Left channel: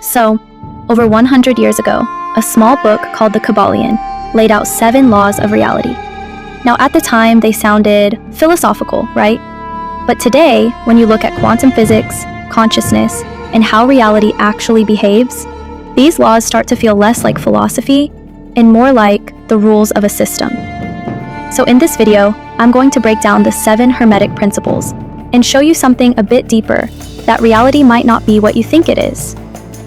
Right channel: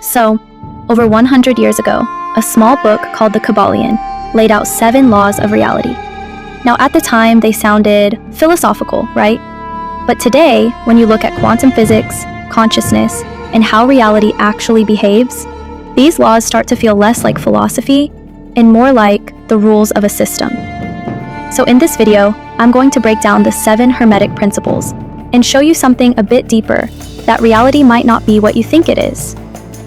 So, over 100 years ago, a small book called the Kybalion laid out 7 laws of reality. Now, at the time, they sounded philosophical, right? But today, when you look at quantum physics, consciousness, and how reality actually behaves, these laws start to feel less like philosophy and more like the rules of a system. So in this video, I'm going to break down the 7 Hermetic Principles and show you something a bit deeper, that reality might not be what you think it is.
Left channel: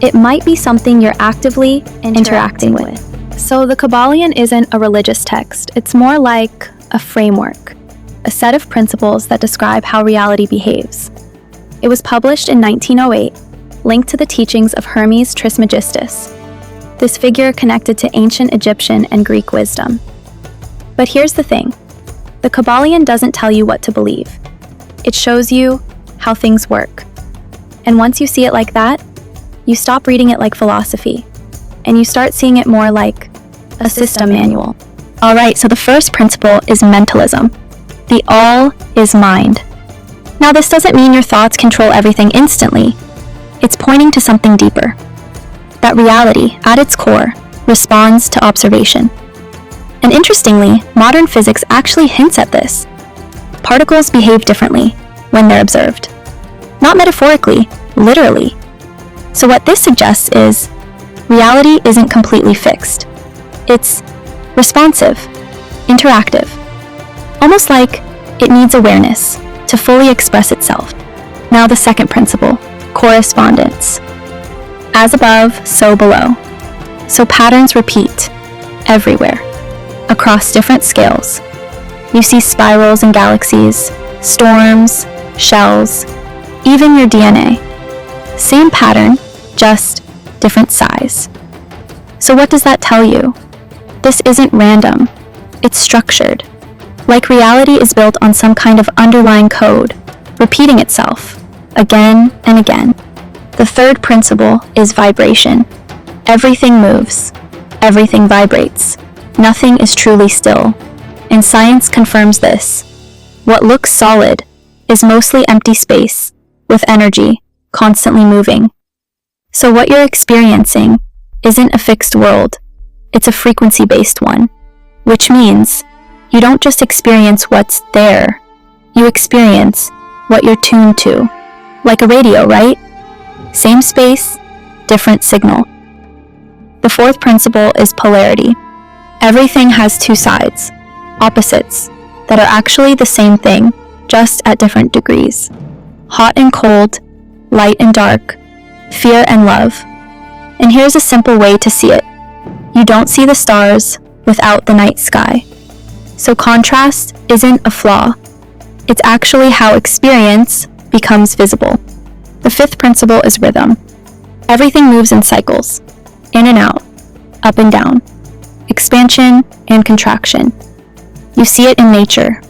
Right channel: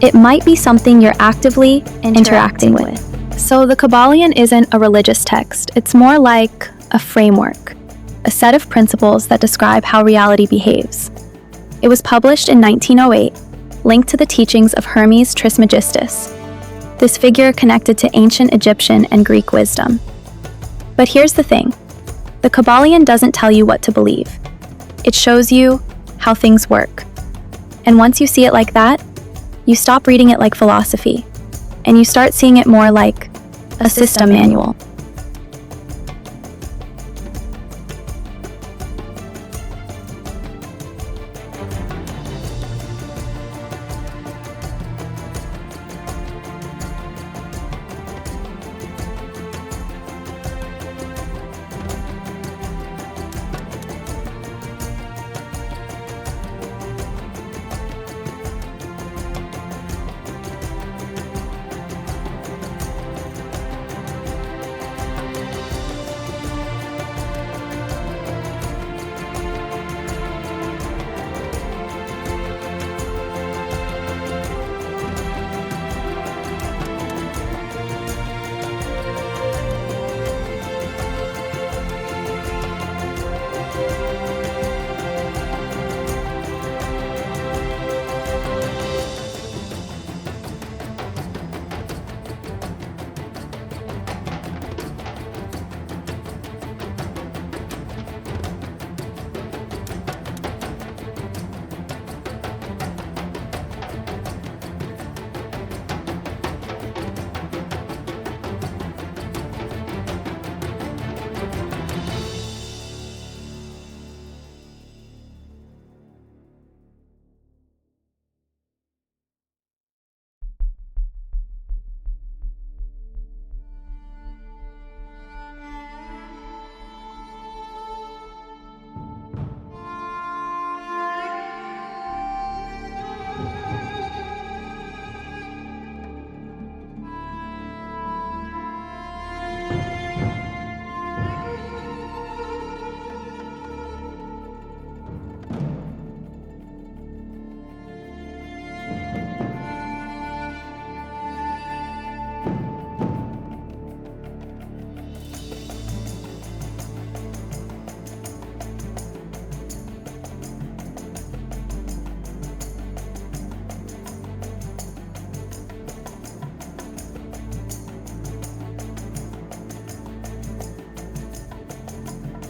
It might be something you're actively interacting with. So the Kybalion isn't a religious text, it's more like a framework, a set of principles that describe how reality behaves. It was published in 1908, linked to the teachings of Hermes Trismegistus, this figure connected to ancient Egyptian and Greek wisdom. But here's the thing, the Kybalion doesn't tell you what to believe. It shows you how things work. And once you see it like that, you stop reading it like philosophy, and you start seeing it more like a system manual. Alright, so the first principle is mentalism. The all is mind. Now this doesn't mean your thoughts control everything instantly. It's pointing to something deeper. That reality, at its core, responds to observation. And interestingly, modern physics actually hints at this. Particles behave differently when they're observed. Not metaphorically, literally. So what this suggests is, reality isn't completely fixed. It's responsive, interactive, almost like it needs awareness to fully express itself. Now the second principle, correspondence. As above, so below. So patterns repeat everywhere, across different scales. You see spirals in galaxies, storms, shells, even your DNA. Same pattern, just different size. So what does that tell you? This isn't random, it's structured. Like reality is built on some kind of underlying code, repeating itself again and again. The third principle is vibration. Everything moves, everything vibrates. Nothing is truly still, and science confirms this. What looks solid is mostly empty space, with energy constantly moving. So what you're experiencing isn't a fixed world, it's a frequency-based one, which means you don't just experience what's there, you experience what you're tuned to. Like a radio, right? Same space, different signal. The fourth principle is polarity. Everything has 2 sides, opposites, that are actually the same thing, just at different degrees. Hot and cold, light and dark, fear and love. And here's a simple way to see it. You don't see the stars without the night sky. So contrast isn't a flaw. It's actually how experience becomes visible. The fifth principle is rhythm. Everything moves in cycles, in and out, up and down, expansion and contraction. You see it in nature.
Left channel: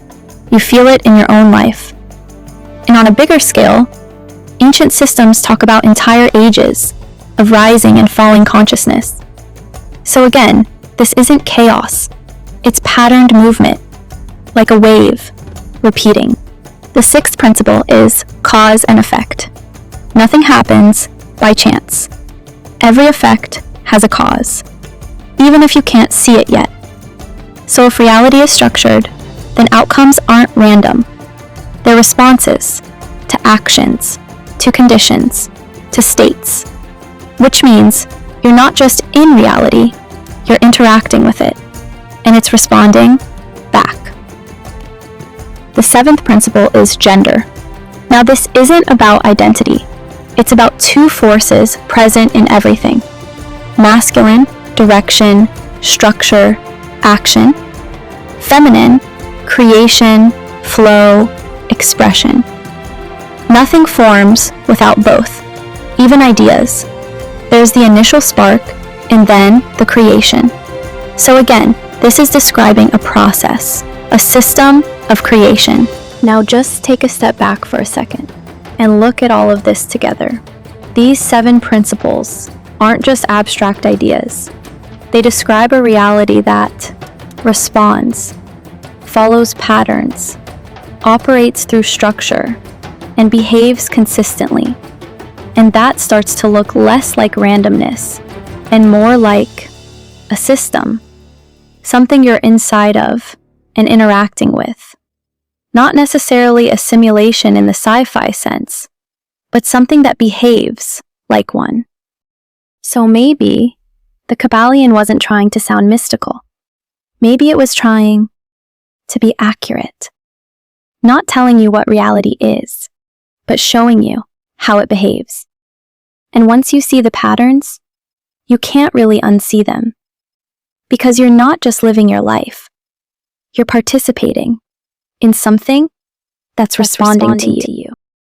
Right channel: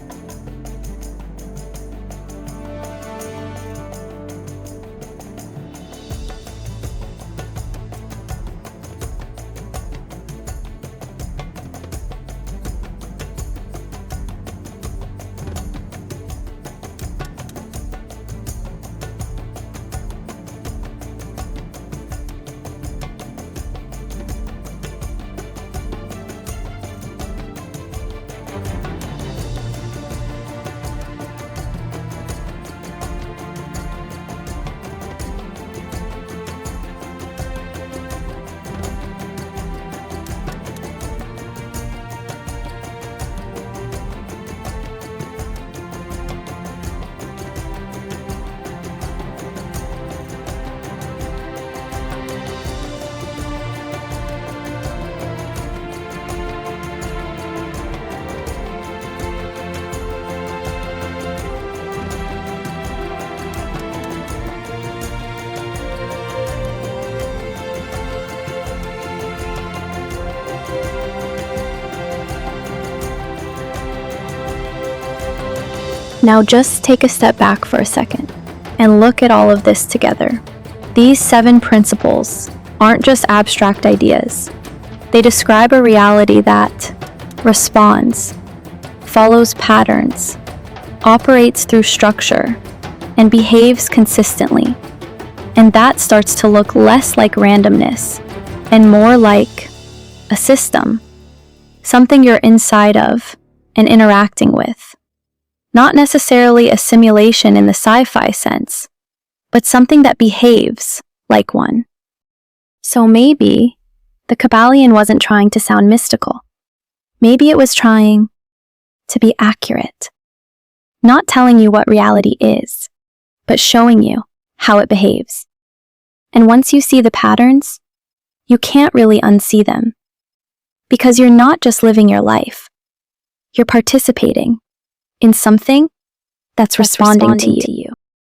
You feel it in your own life. And on a bigger scale, ancient systems talk about entire ages of rising and falling consciousness. So again, this isn't chaos. It's patterned movement, like a wave, repeating. The sixth principle is cause and effect. Nothing happens by chance. Every effect has a cause, even if you can't see it yet. So if reality is structured, then outcomes aren't random. They're responses to actions, to conditions, to states, which means you're not just in reality, you're interacting with it, and it's responding back. The seventh principle is gender. Now this isn't about identity. It's about 2 forces present in everything. Masculine, direction, structure, action. Feminine, creation, flow, expression. Nothing forms without both, even ideas. There's the initial spark, and then the creation. So again, this is describing a process, a system of creation. Now just take a step back for a second and look at all of this together. These 7 principles aren't just abstract ideas. They describe a reality that responds, follows patterns, operates through structure, and behaves consistently. And that starts to look less like randomness and more like a system, something you're inside of and interacting with. Not necessarily a simulation in the sci-fi sense, but something that behaves like one. So maybe the Kybalion wasn't trying to sound mystical. Maybe it was trying to be accurate. Not telling you what reality is, but showing you how it behaves. And once you see the patterns, you can't really unsee them. Because you're not just living your life. You're participating in something that's responding to you.